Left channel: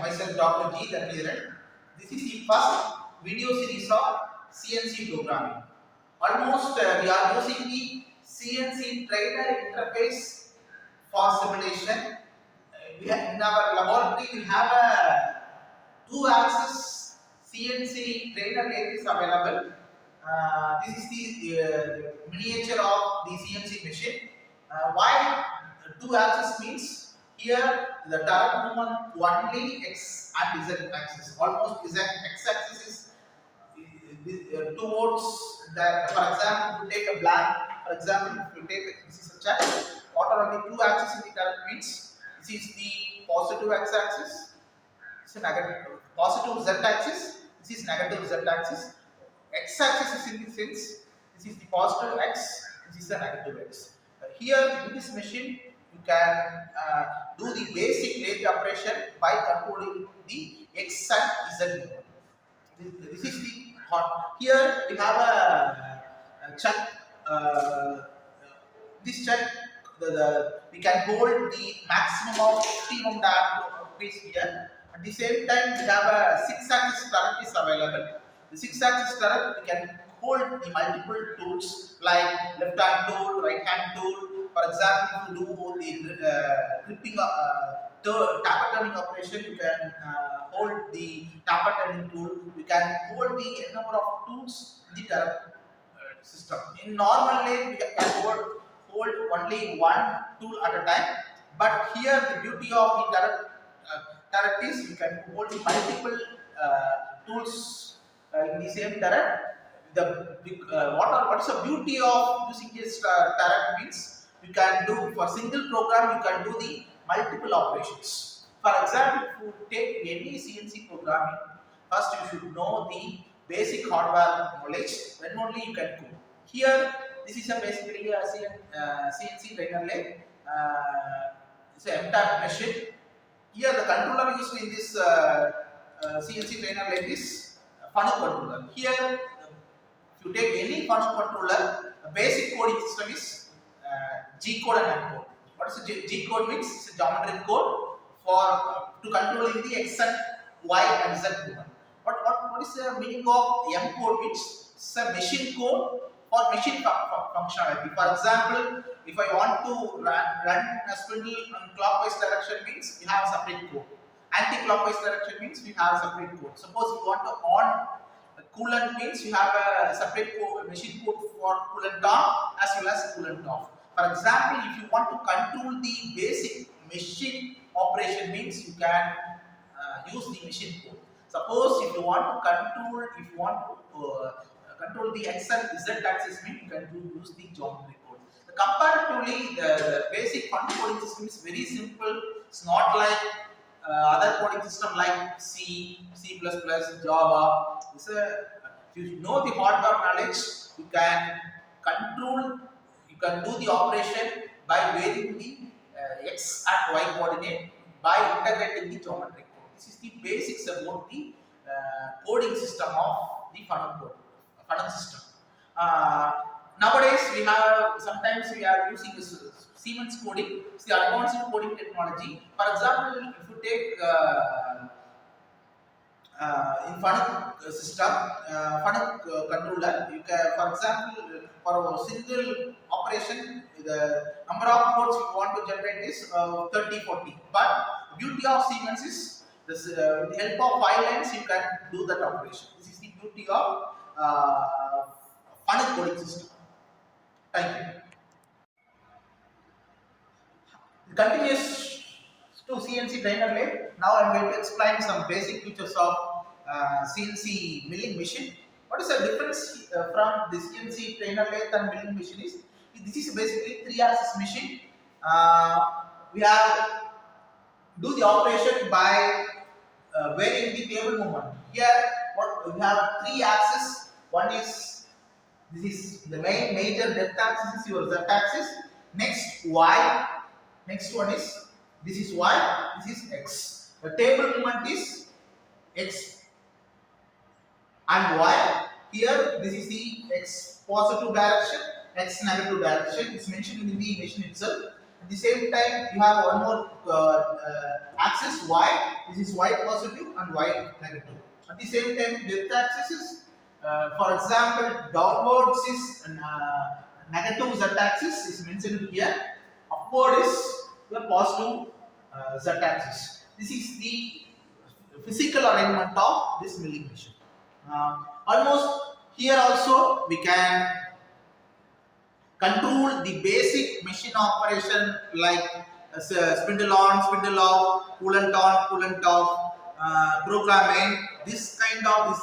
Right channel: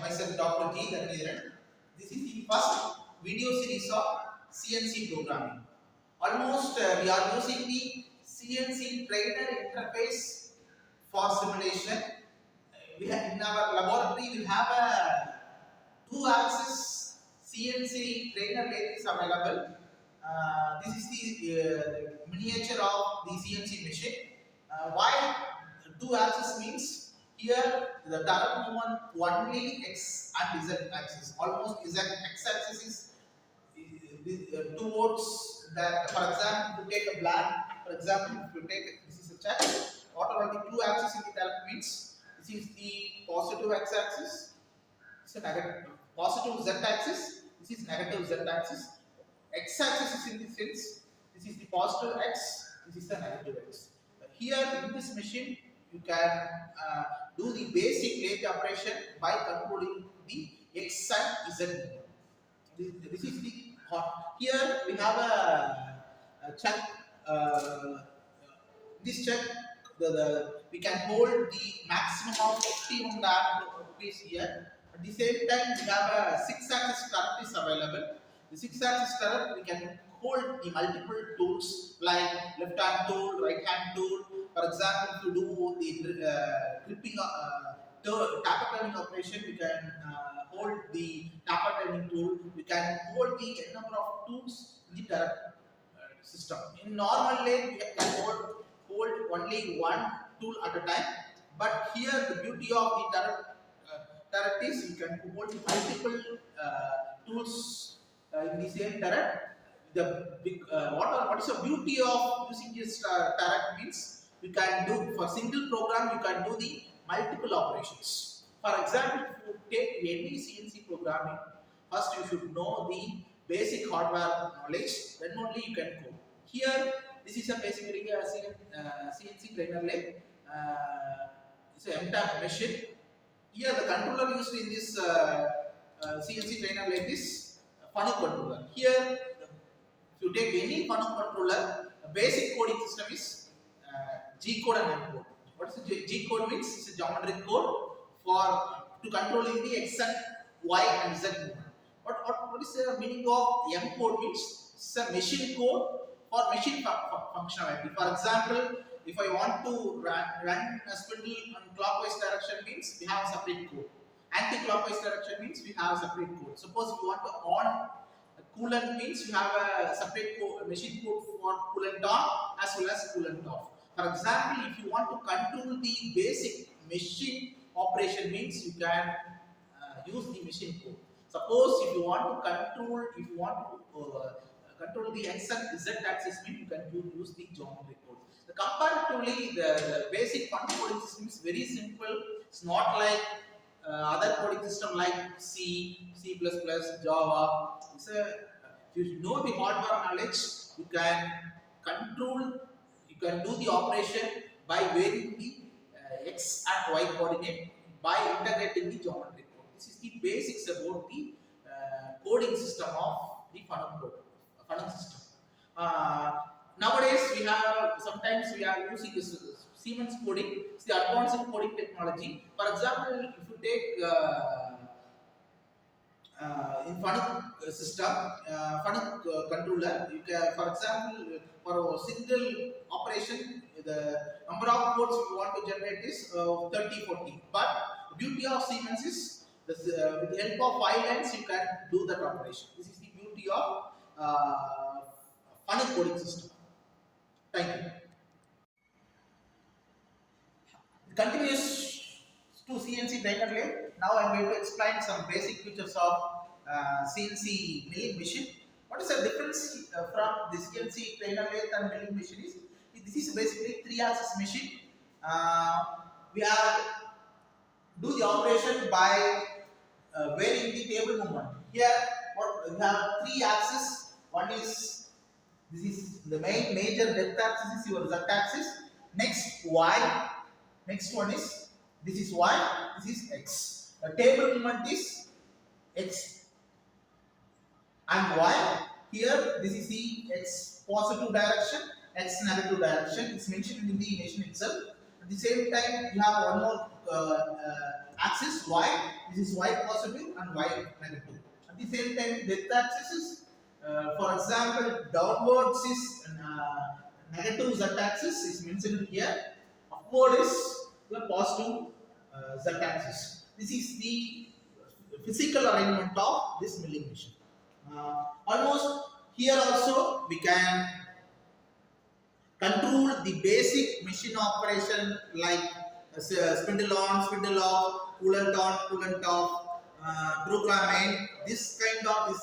myself Dr. G. Dhanviran. This is the first video series of CNC programming. Almost we are using the CNC trainer interface for simulation. In our laboratory we have a 2-axis CNC trainer lathe is available. This is the miniature of the CNC machine. Why 2-axis means here the turret movement only x and z axis. Almost z x axis is towards that. For example, if you take a blank. For example, if you take this is a chart. What are the 2 axes in the turret means? This is the positive x axis. It's a negative positive z axis. This is negative z axis. X axis is in the sense. This is the positive x. This is the negative x. Here in this machine, you can do the basic lathe operation by controlling the x and z movement. This is the hot. Here we have a chuck. This chuck, we can hold the maximum of optimum diameter piece here. At the same time, we have a 6-axis turret is available. The 6-axis turret, we can hold the multiple tools like left hand tool, right hand tool. For example, if you do the gripping tapper turning operation, you can hold the tapper turning tool. You can hold the number of tools in the turret system. In normal lathe, we can hold only one tool at a time. But here, the beauty of the turret is you can hold multiple tools in the same turret. What is the beauty of using this turret means you can do for single program, you can do the multiple operations. For example, if you take any CNC programming, first you should know the basic hardware knowledge, then only you can code. Here, this is basically a CNC trainer lathe. It's an MTAP machine. Here, the controller used in this CNC trainer lathe is funnel controller. Here, if you take any funnel controller, the basic coding system is G code and M code. What is the G code means? It's a geometric code for to controlling the x and y and z movement. What is the meaning of M code means? It's a machine code for machine functionality. For example, if I want to run a spindle in clockwise direction means we have a separate code. Anti-clockwise direction means we have a separate code. Suppose you want to on coolant means you have a separate machine code for coolant on as well as coolant off. For example, if you want to control the basic machine operation means you can use the machine code. Suppose if you want to control the x and z axis means you can use the geometry code. Comparatively, the basic functional coding system is very simple. It's not like other coding system like C, C++, Java. If you know the hardware knowledge, you can control. You can do the operation by varying the x and y coordinate by integrating the geometry code. This is the basics about the coding system of the funnel system. Nowadays we have sometimes we are using this Siemens coding. It's the advanced coding technology. For example, if you take in funnel system, funnel controller, you can, for example, for a single operation, the number of codes you want to generate is 30, 40. But the beauty of Siemens is this, with the help of 5 lines, you can do that operation. This is the beauty of funnel coding system. Thank you. Continues to CNC trainer lathe. Now I am going to explain some basic features of CNC milling machine. What is the difference from the CNC trainer lathe and milling machine is? This is basically 3-axis machine. We are do the operation by varying the table movement. Here, what we have 3 axes. One is this is the major depth axis is your z axis. Next y. Next one is this is y. This is x. The table movement is x and y. Here, this is the x positive direction, x negative direction. It's mentioned in the machine itself. At the same time, you have one more axis y. This is y positive and y negative. At the same time, depth axis is, for example, downwards is negative z axis is mentioned here. Upward is the positive z axis. This is the physical arrangement of this milling machine. Almost here also we can control the basic machine operation like spindle on, spindle off, coolant on, coolant off, programming. This kind of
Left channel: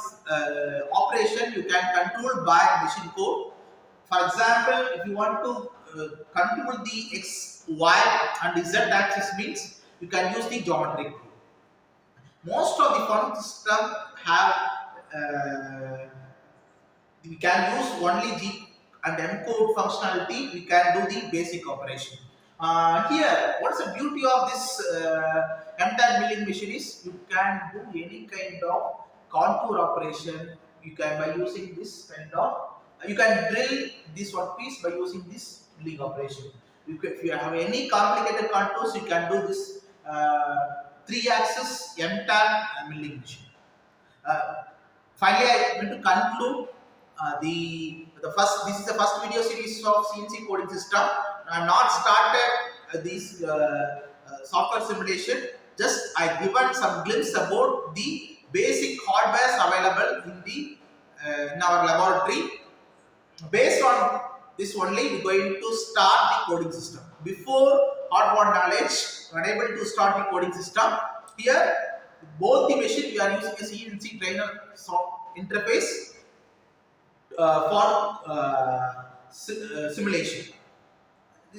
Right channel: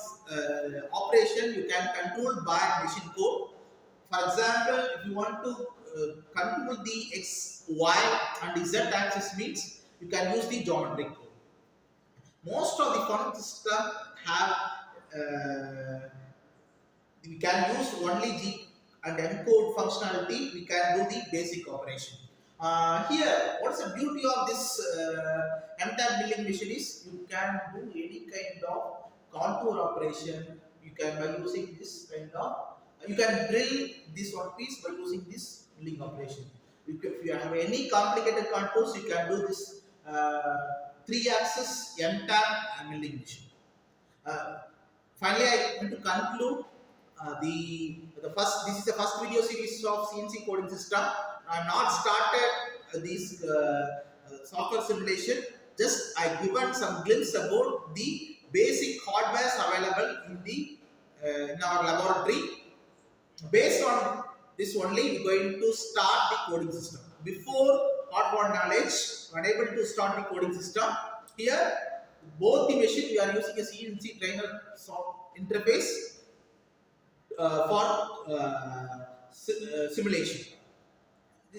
operation you can control by machine code. For example, if you want to control the x, y and z axis means you can use the geometric code. Most of the phone system have we can use only G and M code functionality. We can do the basic operation. Here, what's the beauty of this MTAG milling machine is you can do any kind of contour operation. You can by using this kind of you can drill this one piece by using this milling operation. If you have any complicated contours, you can do this 3-axis MTAG milling machine. Finally, I want to conclude the first. This is the first video series of CNC coding system. I have not started this software simulation. Just I given some glimpse about the basic hardware available in the in our laboratory. Based on this only, we are going to start the coding system. Before hardware knowledge, unable to start the coding system. Here, both the machine we are using a CNC trainer interface for simulation.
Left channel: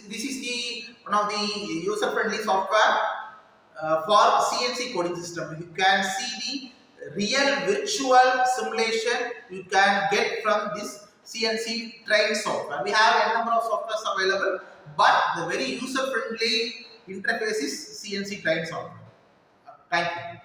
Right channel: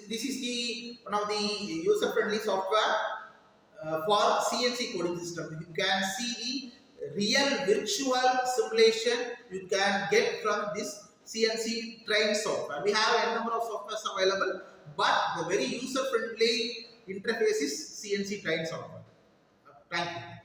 This is the one of the user-friendly software for CNC coding system. You can see the real virtual simulation you can get from this CNC train software. We have a number of softwares available, but the very user-friendly interface is CNC train software. Thank you.